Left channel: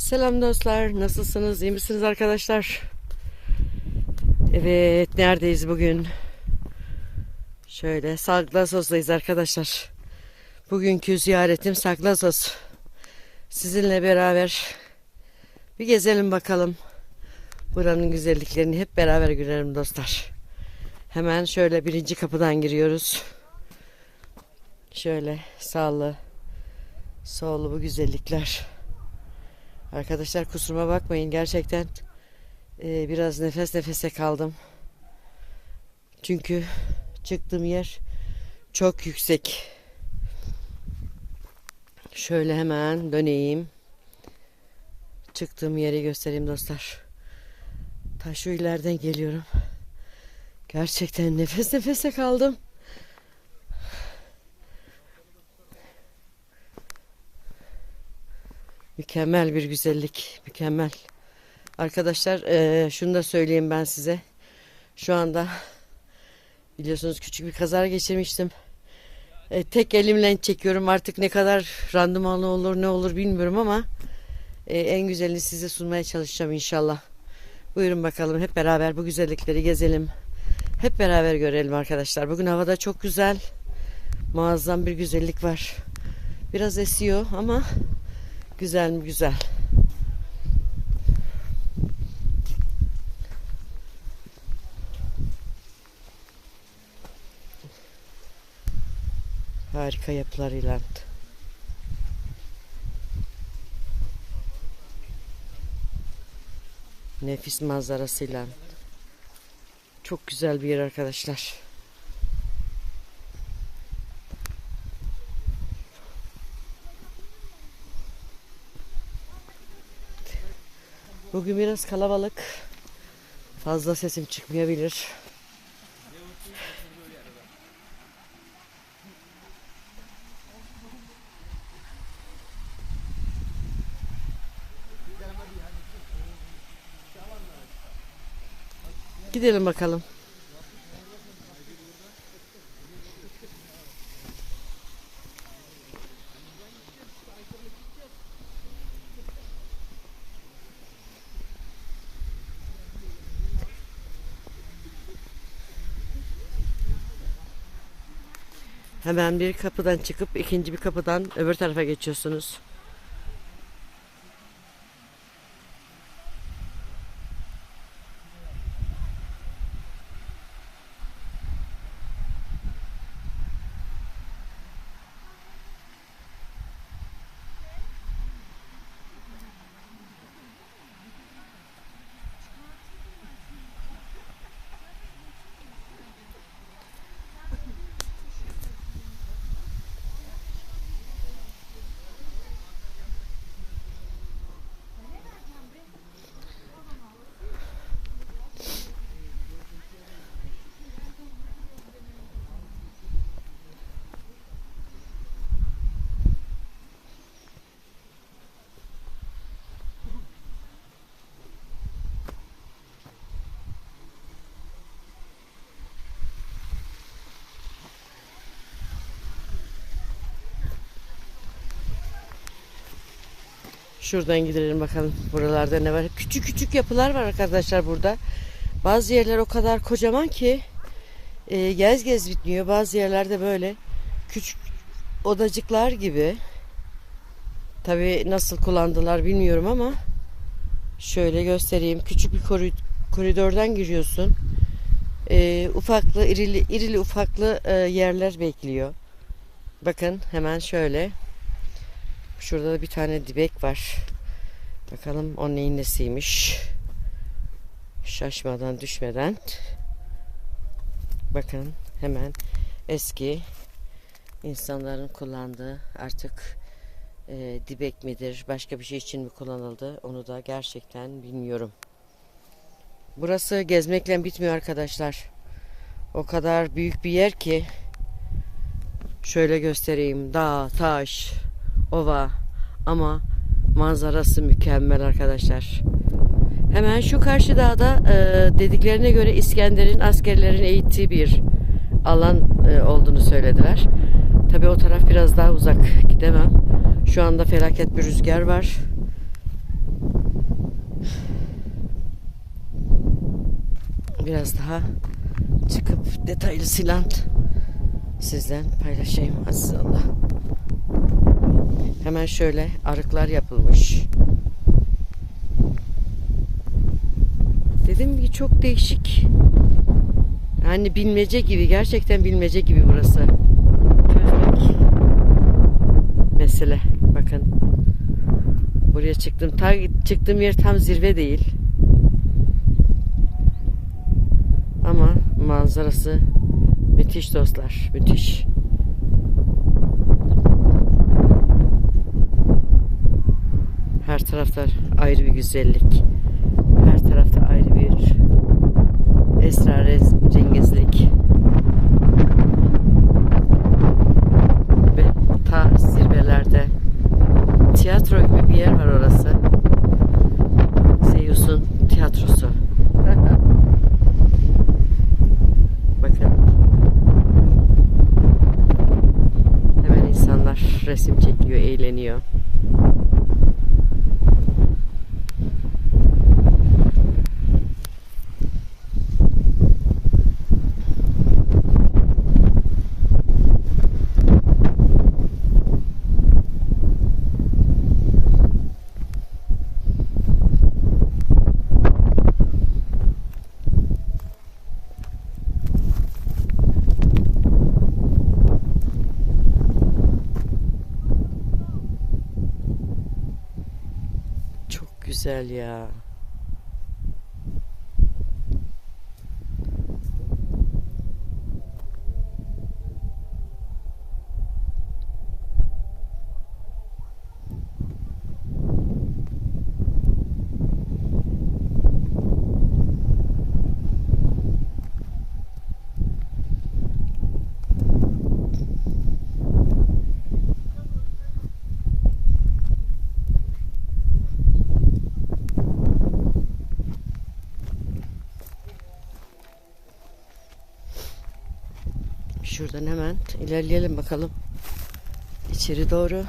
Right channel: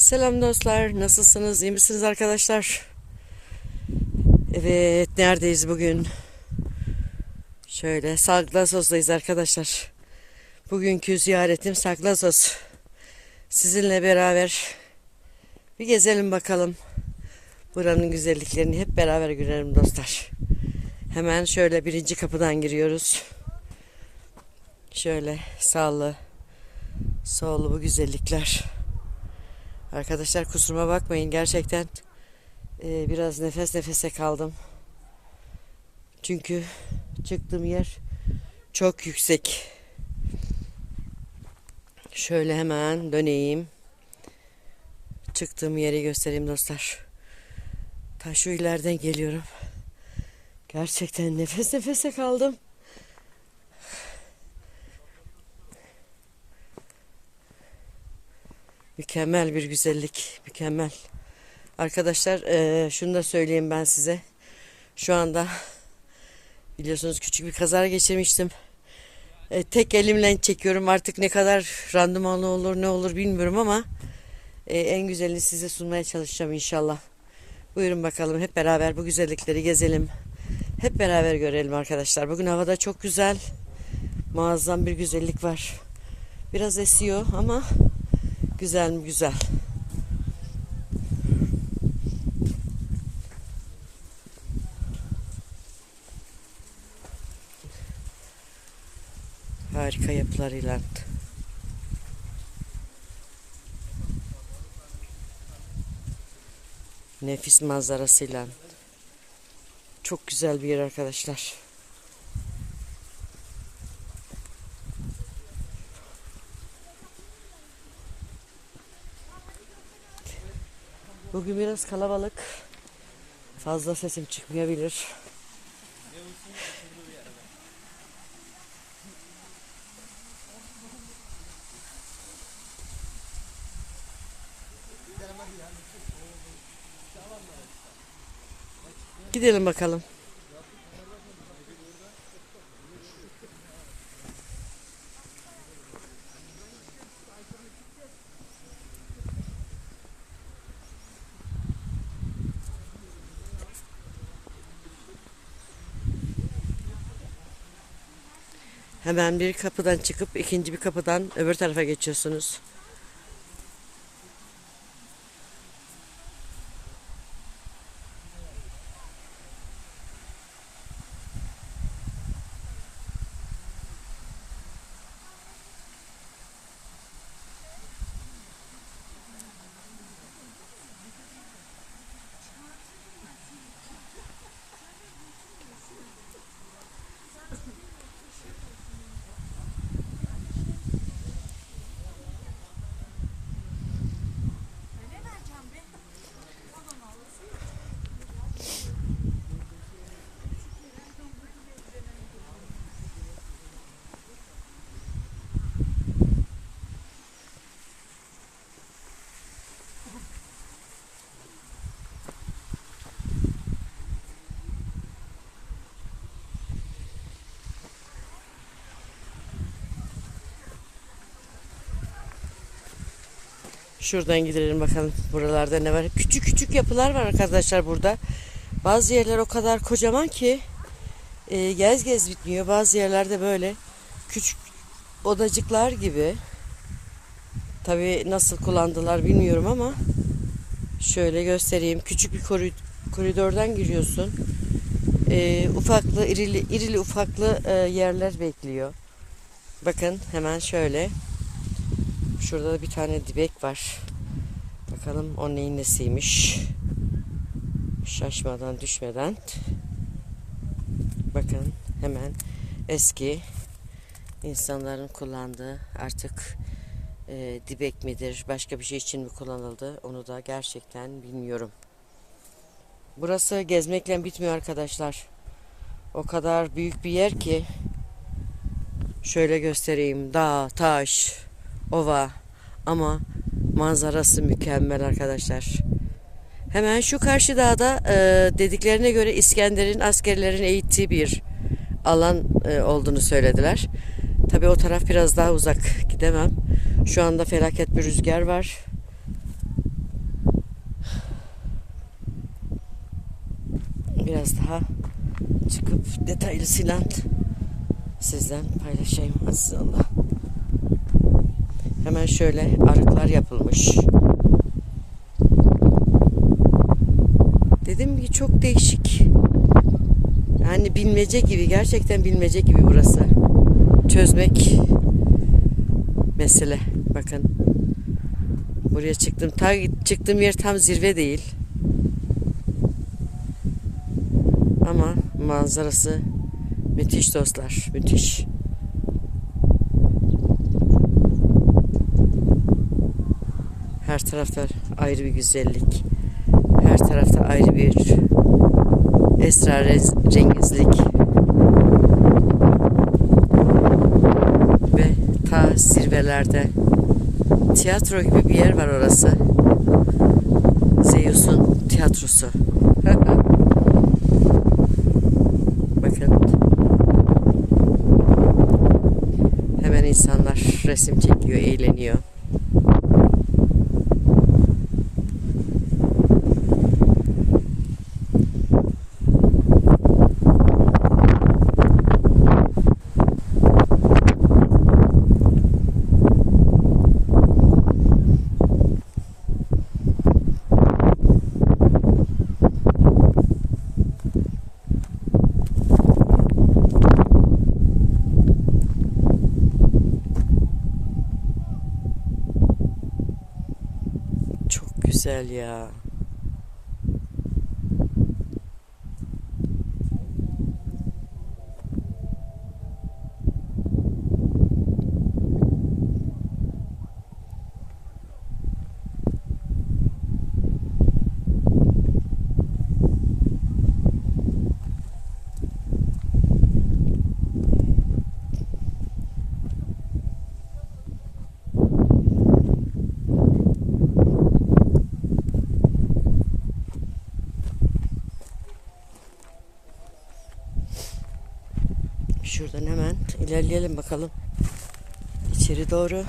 Selam dostlar. Nasılsınız? İyi misiniz arkadaşlar? Evet, neredeyiz bugün? Şöyle Saklazos'dayız arkadaşlar. Bugünkü ziyaretim Saklazos. Sizinle beraber bir gezelim bakalım. Buranın güzelliklerini hep beraber görelim dostlar. Hemen şöyle birinci kapıdan giriyoruz. Şöyle sağlı, sollu bu güzellikler. Arkadaşlar kusuruma bakmayın gerçekten e, biraz nefes nefese kaldım. Çünkü çıktığım yer çok yüksek. Şöyle hemen döneyim. Çıktığım yeri göstereyim dostlar. Ta şu ileriden geliyorum. Gerçekten nefes nefese kaldım. Mükemmel bir güzellik, mükemmel. Arkadaşlar eee, şunu da söyleyeyim ben size. Şu anda biliyorsunuz küçük bir kaza geçirmiştim. E, tek elimle çekiyorum artık ne kadar randımanlı olur ne olur bilmiyorum ama e, en güzelini size sunmaya çalışacağım inşallah. Buyurun bakalım hep beraber bu güzellikleri gezelim. Hep beraber görelim arkadaşlar. Bugün havada çok güzel. Muazzam bir güzellik var. Biraz esiyor ama Güzel mi güzel. Harika yapılarıyla. Nefis manzarasıyla. Çok güzel bir yer arkadaşlar. Bugün biraz kalabalık. Fazla sesim çıkmayabilir. Gidelim bakalım. Hemen bir kapıdan çıkıp ikinci bir kapıdan öbür tarafa geçiyorsunuz. Şuradan gidelim bakalım buralarda ne var. Küçük küçük yapılar var arkadaşlar burada. Bazı yerler o kadar kocaman ki e, gez gez bitmiyor. Bazı yerlerde böyle küçük odacıklar gibi. Tabi nasıl kullandılar bilmiyorum ama şöyle göstereyim. Küçük bir koridordan giriyorsun. E, ufaklı, irili, irili ufaklı e, yerler bekliyor. Bakın hemen şöyle. Şurada da bir tane dibek var. Bakalım o neyin nesiymiş. Şaşmadan düşmeden. Bakın hemen eski insanların kullandığı artık e, dibek midir başka bir şey için mi kullanıldı onu da gerçekten bilmiyorum. Burası gezmekle bitmiyor arkadaşlar. O kadar büyük bir yer ki şöyle göstereyim dağ taş ova ama manzarası mükemmel arkadaşlar. Hemen şu karşı dağda e, dediklerine göre İskender'in askerlerin eğittiği bir alan e, olduğunu söylediler. Tabi o taraf biraz daha uzak gidemem. Şu anda felaket bir rüzgar var. Biraz daha çıkıp detaylısıyla sizden paylaşayım. Aziz Allah. Hemen şöyle arıklar yapılmış. Dediğim gibi çok değişik. Yani bilmece gibi gerçekten bilmece gibi burası. Çözmek mesele. Bakın. Buraya çıktım. Ta, çıktığım yer tam zirve değil. Ama manzarası müthiş dostlar. Müthiş. Her tarafta ayrı bir güzellik. Her tarafta ayrı bir esrarengizlik. Ve ta zirvelerde tiyatro gibi bir yer var orası. Zeus'un tiyatrosu. Bakın. Hemen insanlar resim çekiyor, eğleniyor. Güzel ya. Şuradan hemen ilerleyelim bakalım. İçeri doğru.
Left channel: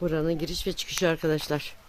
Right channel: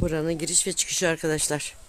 Buranın giriş ve çıkışı arkadaşlar.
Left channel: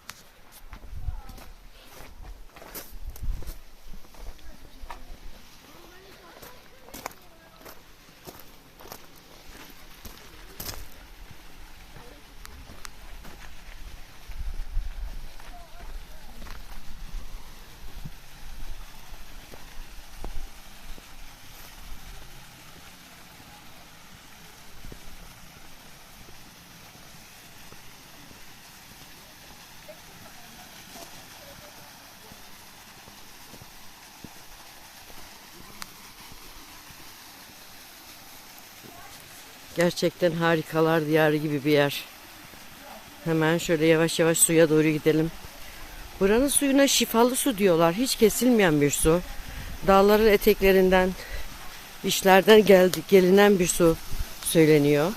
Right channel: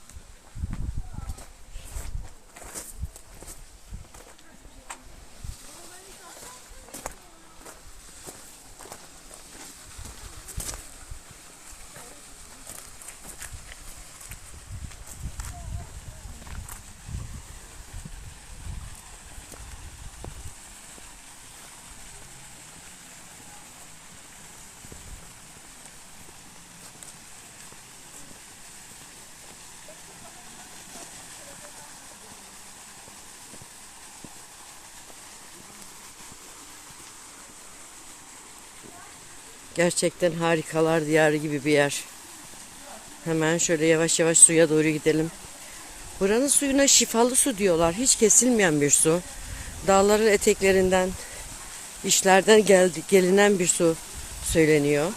Gerçekten harikalar diyarı gibi bir yer. Hemen şöyle yavaş yavaş suya doğru gidelim. Buranın suyuna şifalı su diyorlar. Hiç kesilmeyen bir su. Dağların eteklerinden, işlerden geldi, gelinen bir su söyleniyor.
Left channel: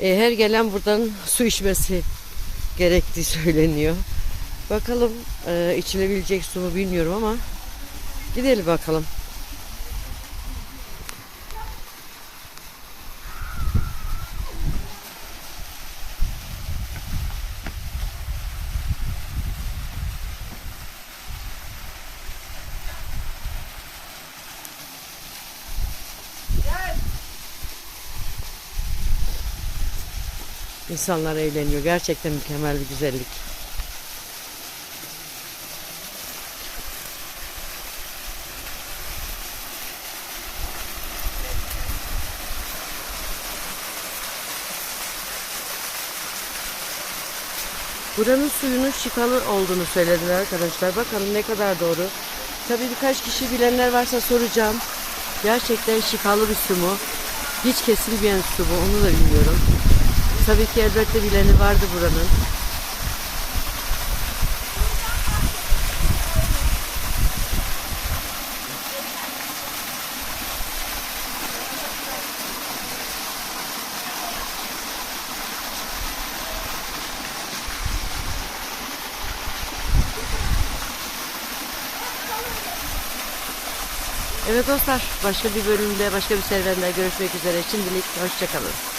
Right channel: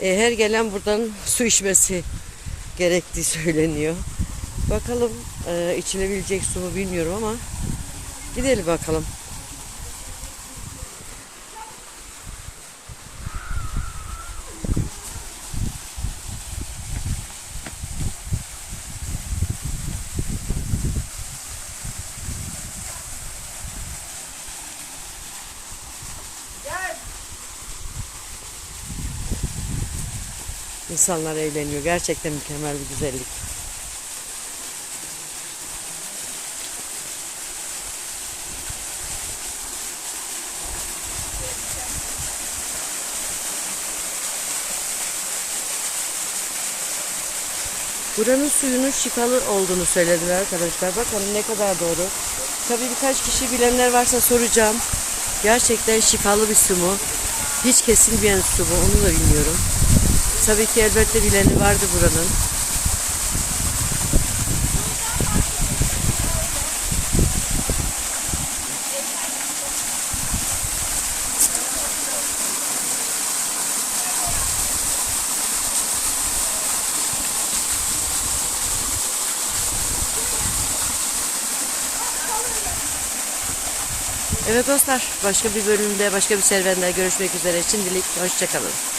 E, her gelen buradan su içmesi gerektiği söyleniyor. Bakalım e, içilebilecek su mu bilmiyorum ama gidelim bakalım. İnsanlar eğleniyor. Gerçekten mükemmel bir güzellik. Buranın suyunun şifalı olduğunu söylediler arkadaşlar. Bakalım ne kadar doğru. Tabii birkaç kişi bilenler varsa soracağım. Gerçekten şifalı bir su mu? Hiç kesilmeyen su bu. Onu da bilmiyorum. Tabii ki elbette bileni vardı buranın. Evet dostlar başka bir bölümde başka bir serüvende görüşmek üzere şimdilik hoşçakalın.